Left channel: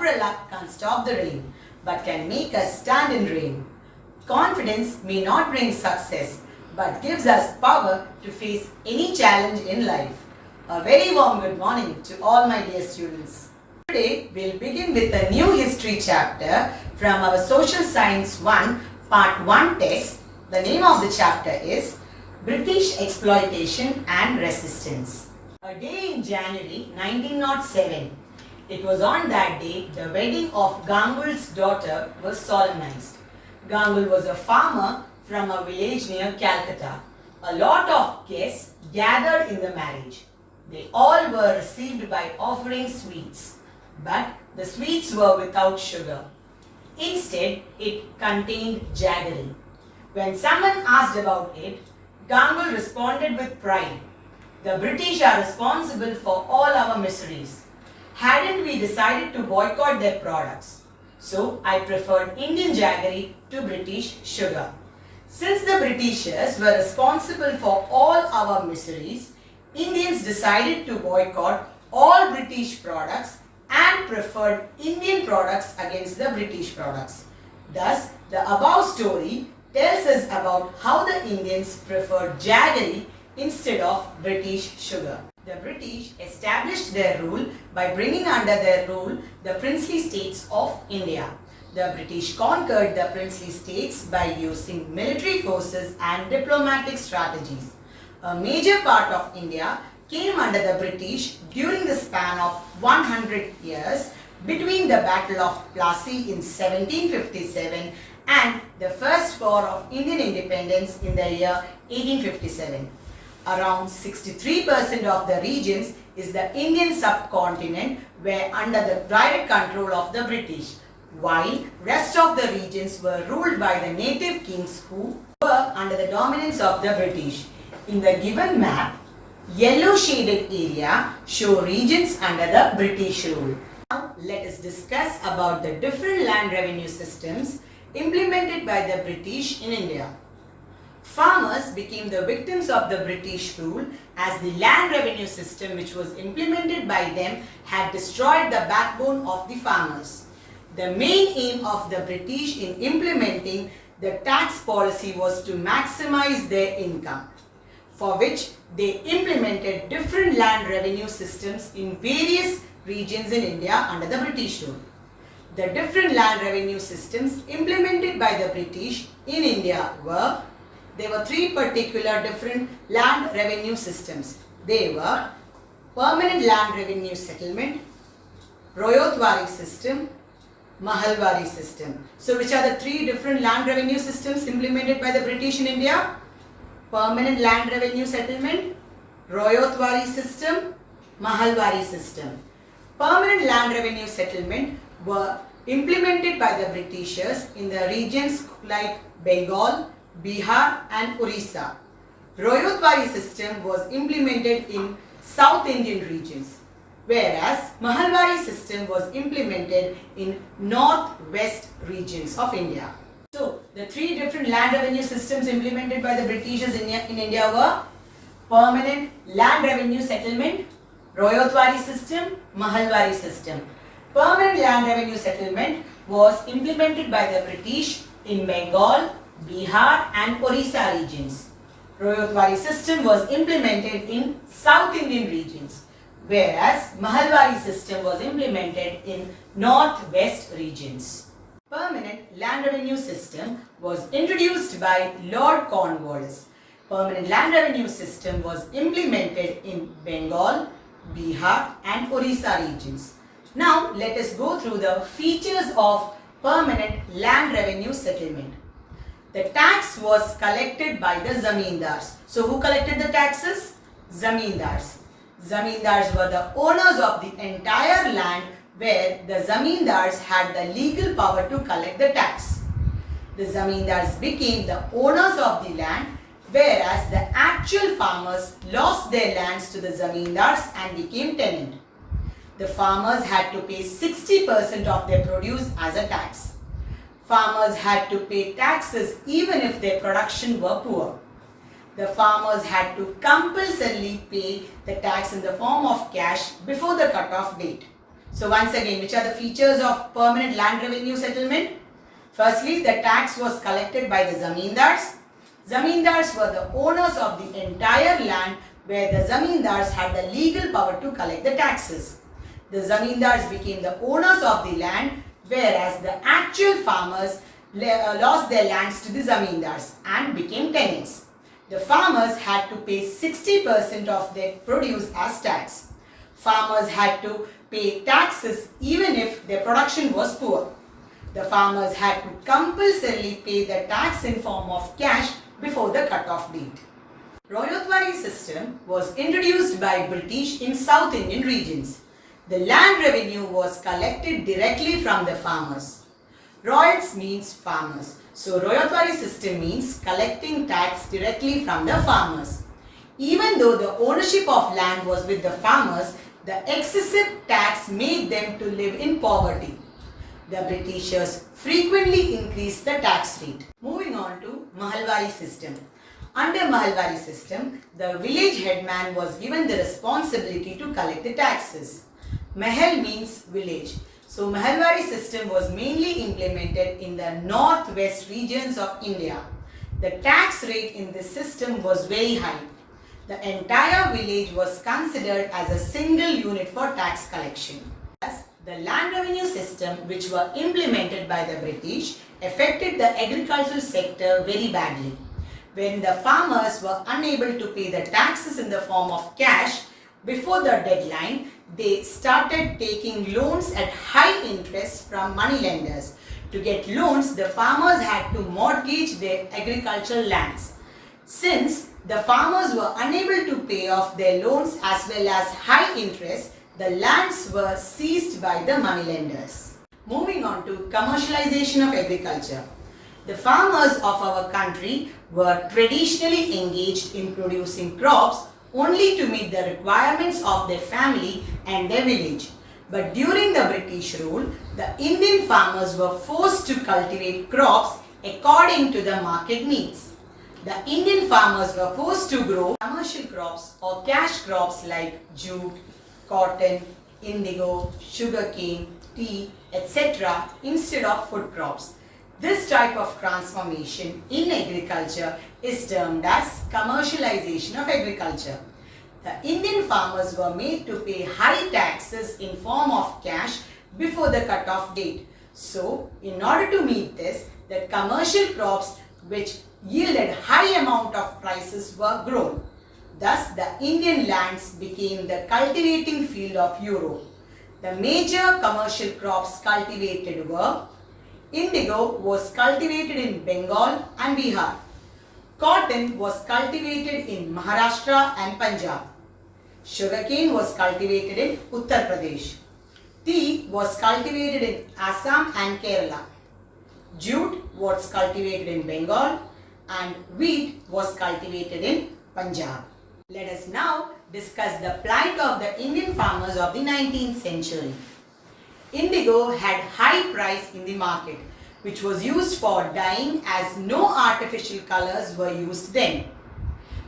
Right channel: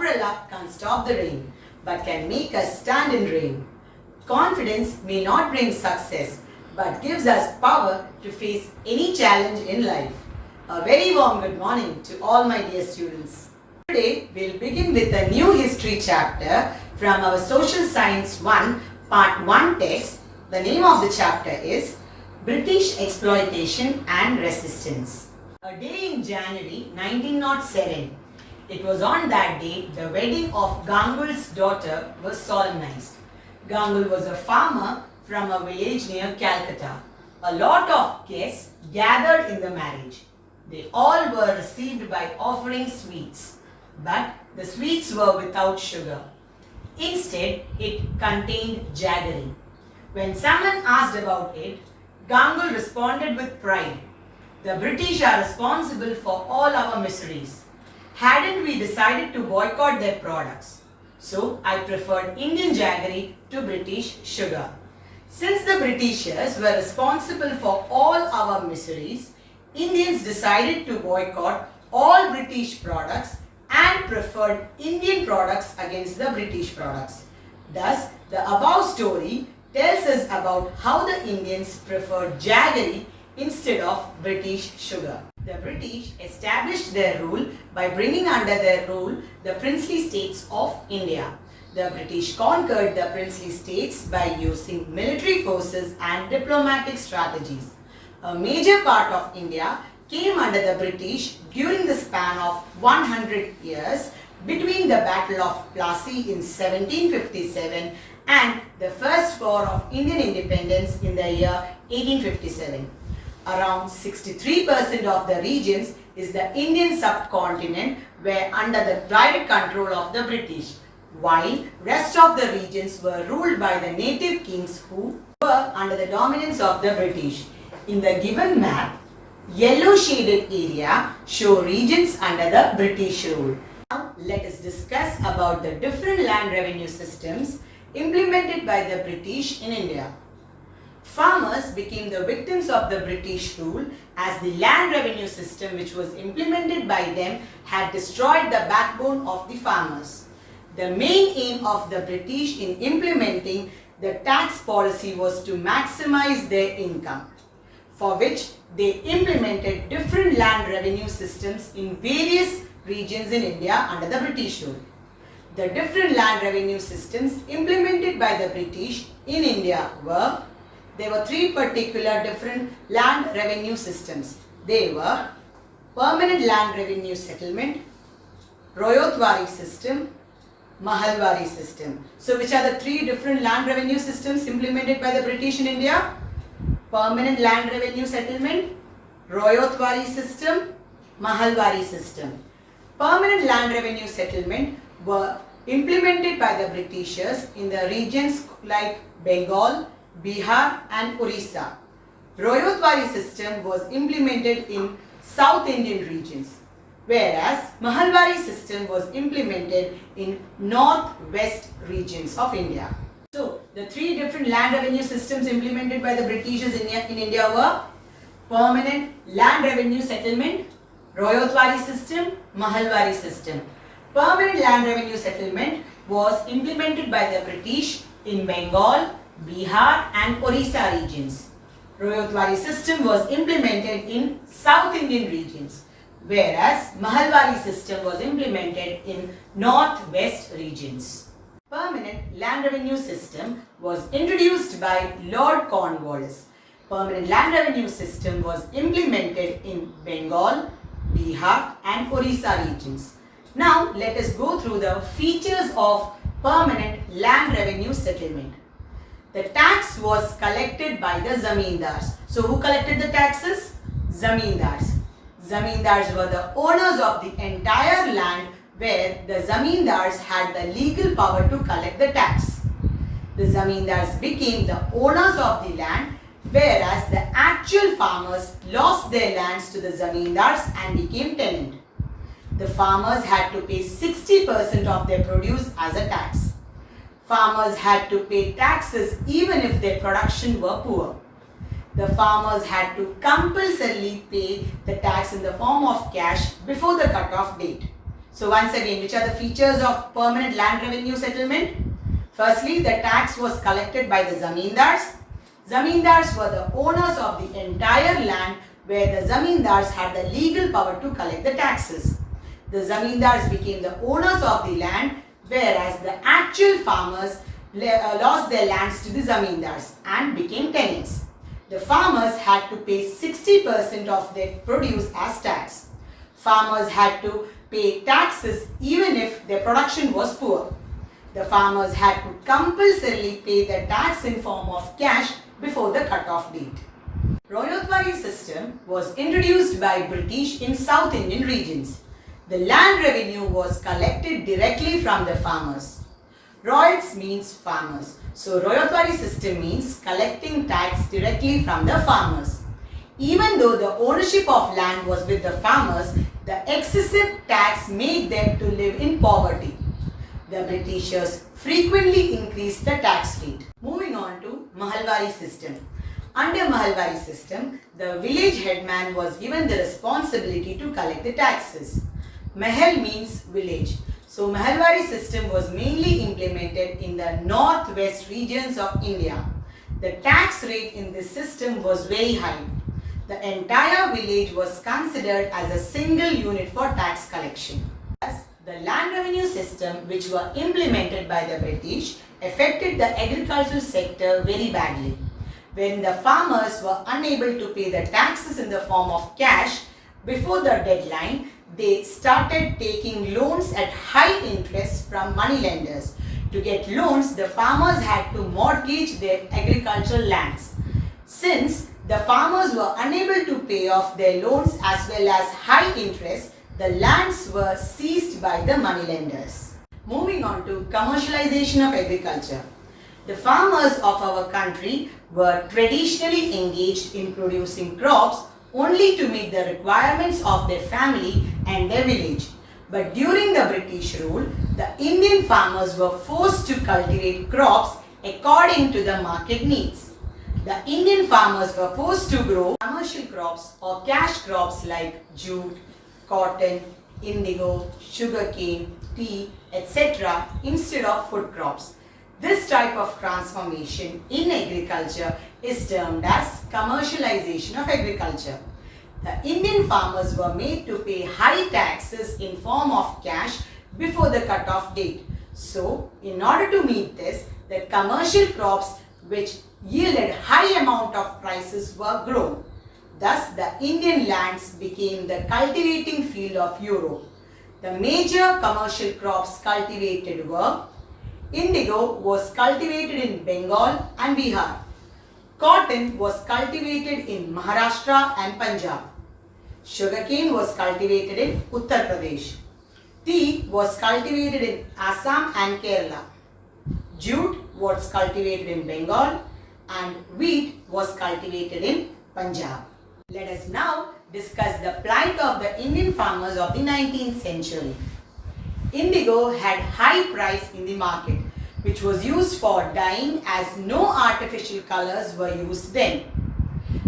umbrella can't stop the rain, but can make us stand in rain. Confidence may not bring success, but gives us power to face any challenge in life. A very warm good morning to all my dear students. Today we'll begin with a new history chapter from our Social Science 1 Part 1 text. The name of the chapter is British Exploitation and Resistance. A day in January 1907. It was on that day the wedding of Gangul's daughter was solemnized. Gangul was a farmer from a village near Calcutta. A lot of guests gathered in the marriage. They all were received by offering sweets, but the sweets were without sugar. Instead, it contained jaggery. When someone asked about it, Gangul responded with pride, "The British are responsible for all our miseries. Hadn't we decided to boycott their products? So I preferred Indian jaggery to British sugar. Since the Britishers were responsible for all our miseries, Indians decided to boycott all British products and preferred Indian products against the British products. Thus, the above story tells us about how the Indians preferred jaggery instead of British sugar. The British established their rule by bringing under their rule the princely states of India. The British conquered the princely states by using military forces and diplomatic strategies. A major part of India came under the British during the span of 100 years between the Battle of Plassey in 1757 and the First War of Indian Independence in the year 1857. Around 63% of the regions is the Indian subcontinent were under the direct control of the British, while rest of the regions were ruled by the native kings who were under the dominance of the British. In the given map, yellow shaded area show regions under the British rule. Now let us discuss about the different land revenue systems implemented by the British in India. Farmers became the victims of the British rule as the land revenue system which was implemented by them had destroyed the backbone of the farmers. The main aim of the British in implementing the tax policy was to maximize their income, for which they implemented different land revenue systems in various regions in India under the British rule. The different land revenue systems implemented by the British in India were, there were three particular different land revenue systems. They were Permanent Land Revenue Settlement, Royotwari System, Mahalvari System. So which are the three different land revenue systems implemented by the British in India? Permanent Land Revenue Settlement, Royotwari System, Mahalvari System. Permanent Land Revenue Settlement were implemented by the Britishers in the regions like Bengal, Bihar and Orissa. Royotwari System was implemented in South Indian regions, whereas Mahalvari System was implemented in North-West regions of India. So, the three different land revenue systems implemented by the Britishers in India were Permanent Land Revenue Settlement, Royotwari System, Mahalvari System. Permanent Land Revenue Settlement was implemented by the British in Bengal, Bihar and Orissa regions. Royotwari System was implemented in South Indian regions, whereas Mahalvari System was implemented in North-West regions. Permanent Land Revenue System was introduced by Lord Cornwallis. Permanent Land Revenue System was implemented in Bengal, Bihar and Orissa regions. Now let us go through the features of Permanent Land Revenue Settlement. The tax was collected by the zamindars. So who collected the taxes? Zamindars. Zamindars were the owners of the entire land where the zamindars had the legal power to collect the tax. The zamindars became the owners of the land, whereas the actual farmers lost their lands to the zamindars and became tenant. The farmers had to pay 60% of their produce as a tax. Farmers had to pay taxes even if their production were poor. The farmers had to compulsorily pay the tax in the form of cash before the cut-off date. So once again, which are the features of permanent land revenue settlement? Firstly, the tax was collected by the zamindars. Zamindars were the owners of the entire land where the zamindars had the legal power to collect the taxes. The zamindars became the owners of the land, whereas the actual farmers lost their lands to the zamindars and became tenants. The farmers had to pay 60% of their produce as tax. Farmers had to pay taxes even if their production was poor. The farmers had to compulsorily pay the tax in form of cash before the cut-off date. Mahalvari system was introduced by British in South Indian regions. The land revenue was collected directly from the farmers. Royals means farmers. So Mahalvari system means collecting tax directly from the farmers. Even though the ownership of land was with the farmers, the excessive tax made them to live in poverty. The Britishers frequently increased the tax rate. Moving on to Mahalvari system. Under Mahalvari system, the village headman was given the responsibility to collect the taxes. Mahal means village. So Mahalvari system was mainly implemented in the northwest regions of India. The tax rate in this system was very high. The entire village was considered as a single unit for tax collection. Thus, the land revenue system which were implemented by the British affected the agricultural sector very badly. When the farmers were unable to pay the taxes in the form of cash before the deadline, they started taking loans at high interest from moneylenders. To get loans, the farmers had to mortgage their agricultural lands. Since the farmers were unable to pay off their loans as well as high interest, the lands were seized by the moneylenders. Moving on to commercialization of agriculture. The farmers of our country were traditionally engaged in producing crops only to meet the requirements of their family and their village. But during the British rule, the Indian farmers were forced to cultivate crops according to the market needs. The Indian farmers were forced to grow commercial crops or cash crops like jute, cotton, indigo, sugarcane, tea, etc. instead of food crops. This type of transformation in agriculture is termed as commercialization of agriculture. The Indian farmers were made to pay high taxes in form of cash before the cut-off date. So, in order to meet this, the commercial crops which yielded high amount of prices were grown. Thus, the Indian lands became the cultivating field of Europe. The major commercial crops cultivated were: indigo was cultivated in Bengal and Bihar. Cotton was cultivated in Maharashtra and Punjab. Sugarcane was cultivated in Uttar Pradesh. Tea was cultivated in Assam and Kerala. Jute was cultivated in Bengal and wheat was cultivated in Punjab. Let us now discuss the plight of the Indian farmers of the 19th century. Indigo had high price in the market, which was used for dyeing as no artificial colors were used then.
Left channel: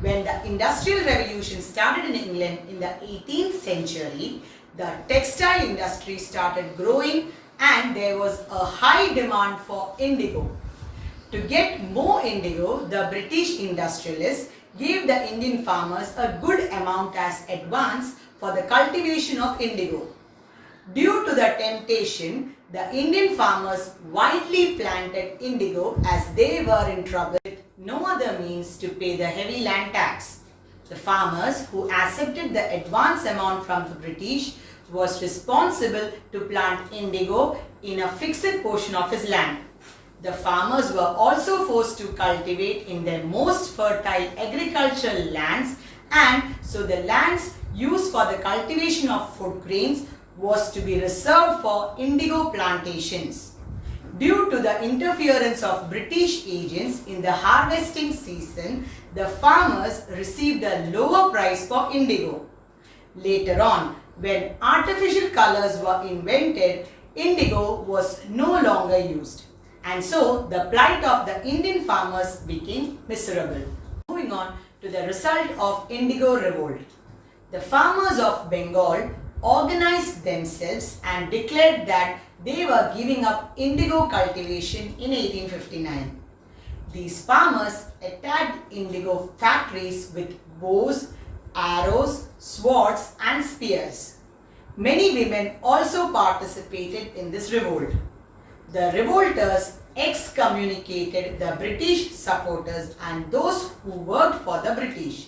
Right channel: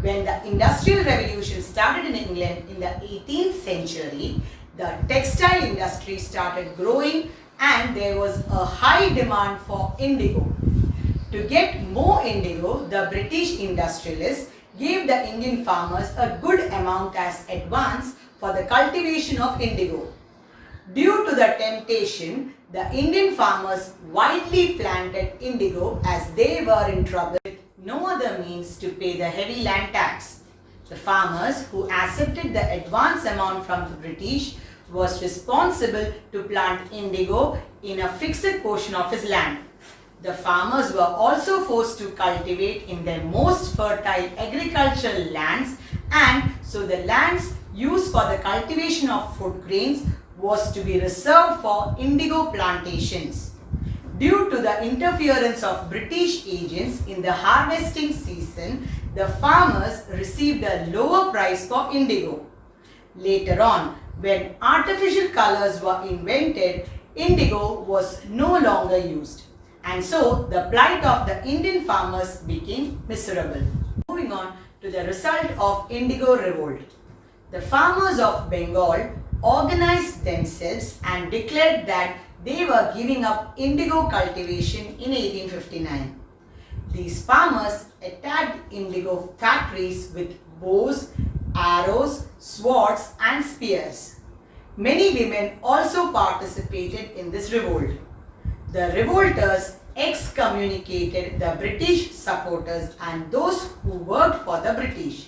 When the Industrial Revolution started in England in the 18th century, the textile industry started growing and there was a high demand for indigo. To get more indigo, the British industrialists gave the Indian farmers a good amount as advance for the cultivation of indigo. Due to the temptation, the Indian farmers widely planted indigo as they were in trouble with no other means to pay the heavy land tax. The farmers who accepted the advance amount from the British was responsible to plant indigo in a fixed portion of his land. The farmers were also forced to cultivate in their most fertile agricultural lands, and so the lands used for the cultivation of food grains was to be reserved for indigo plantations. Due to the interference of British agents in the harvesting season, the farmers received a lower price for indigo. Later on, when artificial colors were invented, indigo was no longer used. And so, the plight of the Indian farmers became miserable. Moving on to the result of indigo revolt. The farmers of Bengal organized themselves and declared that they were giving up indigo cultivation in 1859. These farmers attacked indigo factories with bows, arrows, swords and spears. Many women also participated in this revolt. The revolters excommunicated the British supporters and those who worked for the British.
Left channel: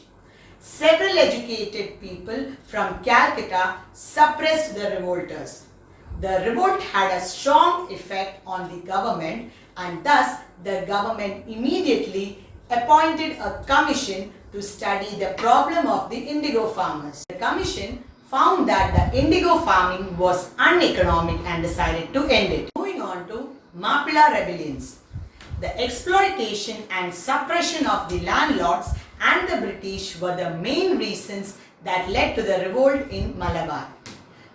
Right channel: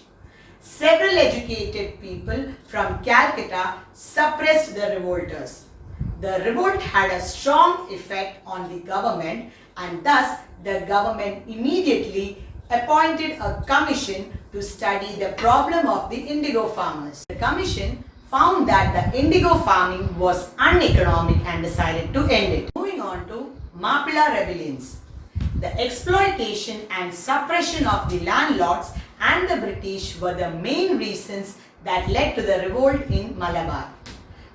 Several educated people from Calcutta suppressed the revolters. The revolt had a strong effect on the government, and thus the government immediately appointed a commission to study the problem of the indigo farmers. The commission found that the indigo farming was uneconomic and decided to end it. Moving on to mapula rebellions. The exploitation and suppression of the landlords and the British were the main reasons that led to the revolt in Malabar.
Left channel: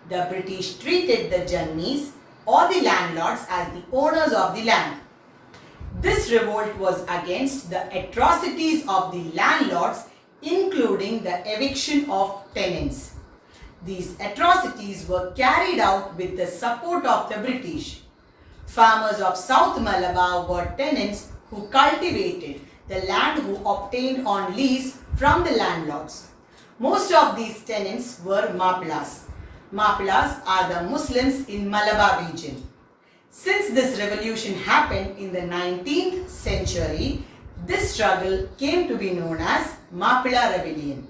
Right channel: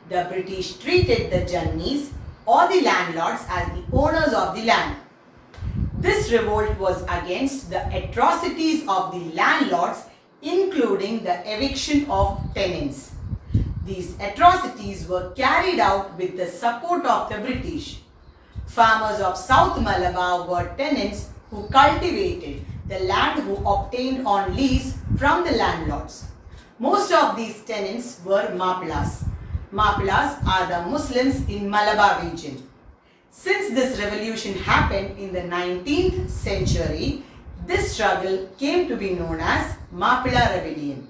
The British treated the Jannis or the landlords as the owners of the land. This revolt was against the atrocities of the landlords, including the eviction of tenants. These atrocities were carried out with the support of the British. Farmers of South Malabar were tenants who cultivated the land, who obtained on lease from the landlords. Most of these tenants were mapulas. Mapulas are the Muslims in Malabar region. Since this revolution happened in the 19th century, this struggle came to be known as Mapula Rebellion.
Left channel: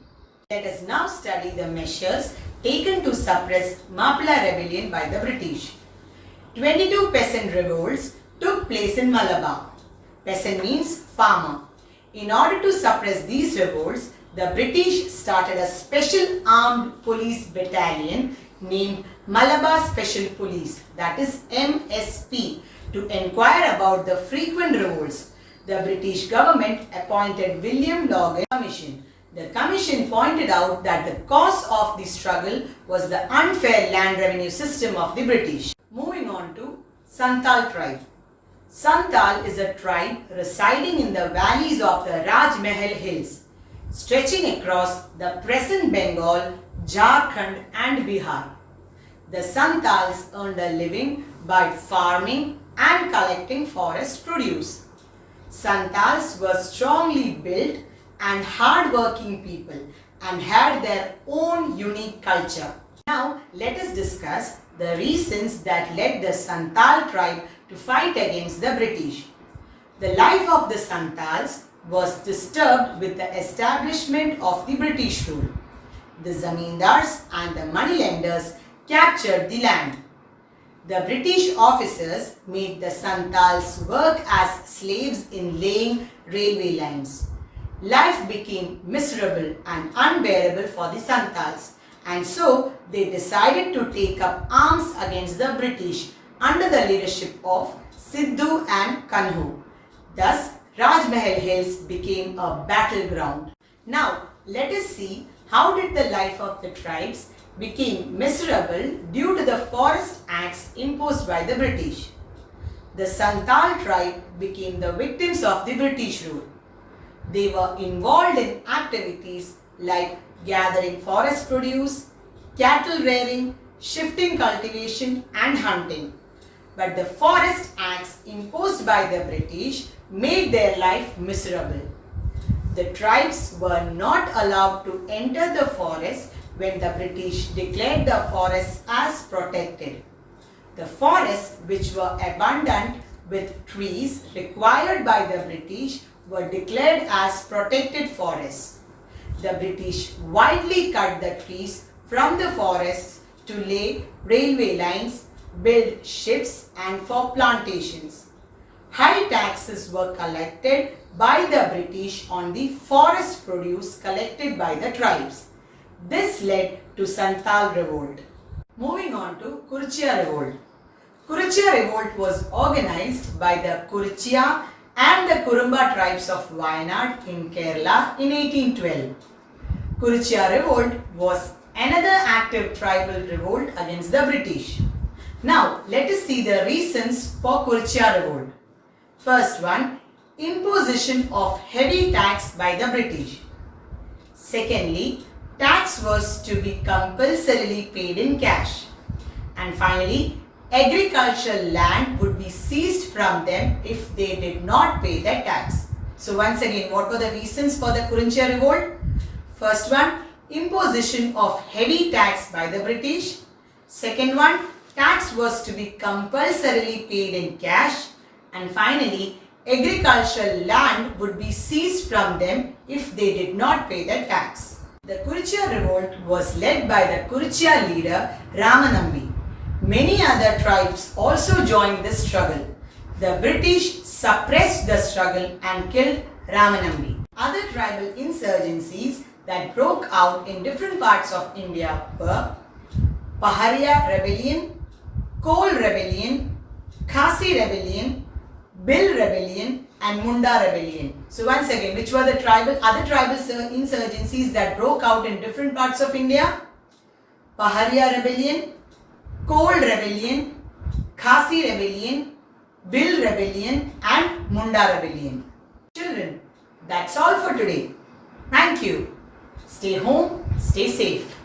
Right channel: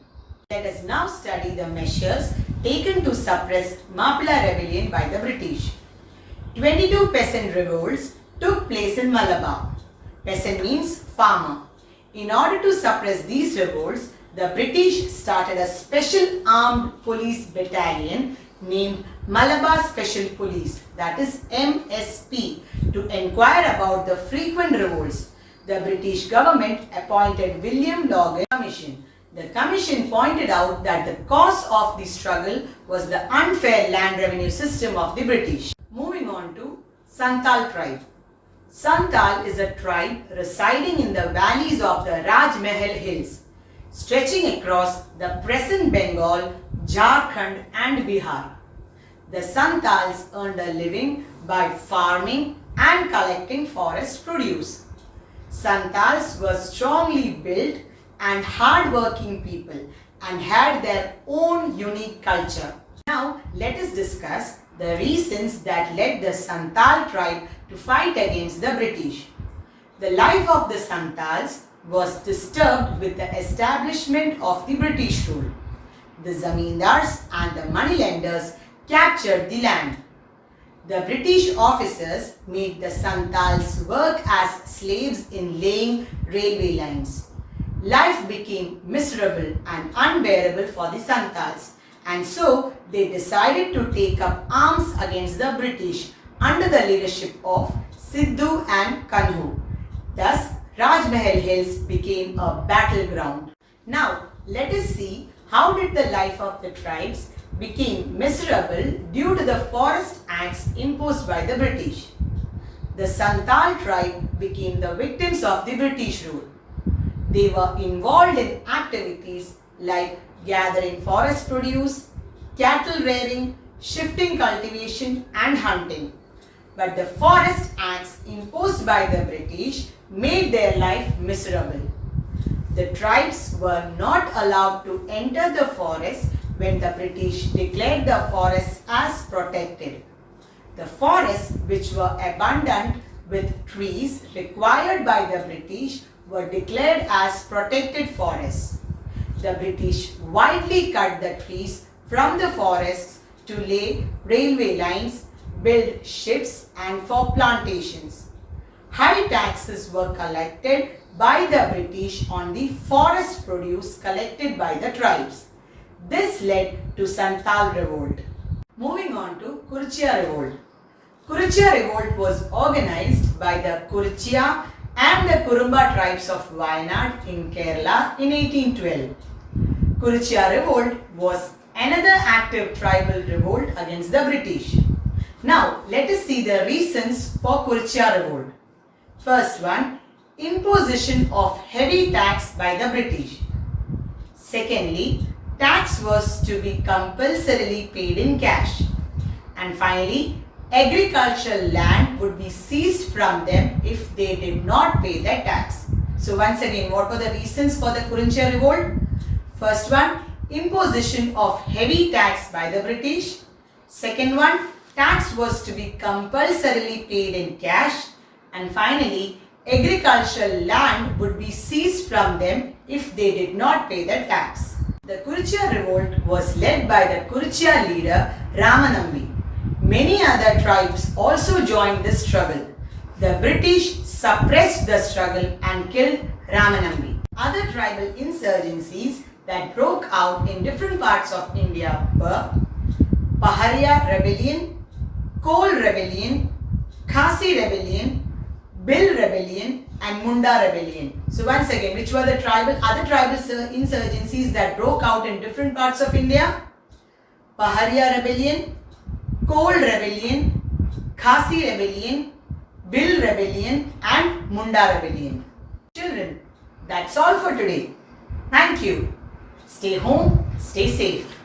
Let us now study the measures taken to suppress Mapula Rebellion by the British. 22 peasant revolts took place in Malabar. Peasant means farmer. In order to suppress these revolts, the British started a special armed police battalion named Malabar Special Police, that is MSP, to inquire about the frequent revolts. The British government appointed William Logan Commission. The commission pointed out that the cause of the struggle was the unfair land revenue system of the British. Moving on to Santal Tribe. Santal is a tribe residing in the valleys of the Rajmahal Hills, stretching across the present Bengal, Jharkhand and Bihar. The Santals earned a living by farming and collecting forest produce. Santals were strongly built and hard-working people and had their own unique culture. Now let us discuss the reasons that led the Santal tribe to fight against the British. The life of the Santals was disturbed with the establishment of the British rule. The zamindars and the moneylenders captured the land. The British officers made the Santals work as slaves in laying railway lines. Life became miserable and unbearable for the Santals, and so they decided to take up arms against the British under the leadership of Sidhu and Kanhu. Thus, Rajmahal Hills became a battleground. Now, let us see how did the life of the tribes became miserable due to the forest acts imposed by the British. The Santal tribe became the victims of the British rule. They were involved in activities like gathering forest produce, cattle rearing, shifting cultivation and hunting. But the forest acts imposed by the British made their life miserable. The tribes were not allowed to enter the forest when the British declared the forests as protected. The forests, which were abundant with trees required by the British, were declared as protected forests. The British widely cut the trees from the forests to lay railway lines, build ships and for plantations. High taxes were collected by the British on the forest produce collected by the tribes. This led to Santal Revolt. Moving on to Kuruchia Revolt. Kuruchia Revolt was organized by the Kuruchia and the Kurumba tribes of Wayanad in Kerala in 1812. Kuruchia Revolt was another active tribal revolt against the British. Now, let us see the reasons for Kuruchia Revolt. First one, imposition of heavy tax by the British. Secondly, tax was to be compulsorily paid in cash. And finally, agricultural land would be seized from them if they did not pay the tax. So once again, what were the reasons for the Kuruchia Revolt? First one, imposition of heavy tax by the British. Second one, tax was to be compulsorily paid in cash. And finally, agricultural land would be seized from them if they did not pay the tax. The Kuruchia Revolt was led by the Kuruchia leader Ramanambi. Many other tribes also joined the struggle. The British suppressed the struggle and killed Ramanambi. Other tribal insurgencies that broke out in different parts of India were Paharia Rebellion, Kol Rebellion, Khasi Rebellion, Bill Rebellion and Munda Rebellion. So once again, which were the other tribal insurgencies that broke out in different parts of India? Paharia Rebellion, Kol Rebellion, Khasi Rebellion, Bill Rebellion and Munda Rebellion. Children, that's all for today. Thank you. Stay home, stay safe.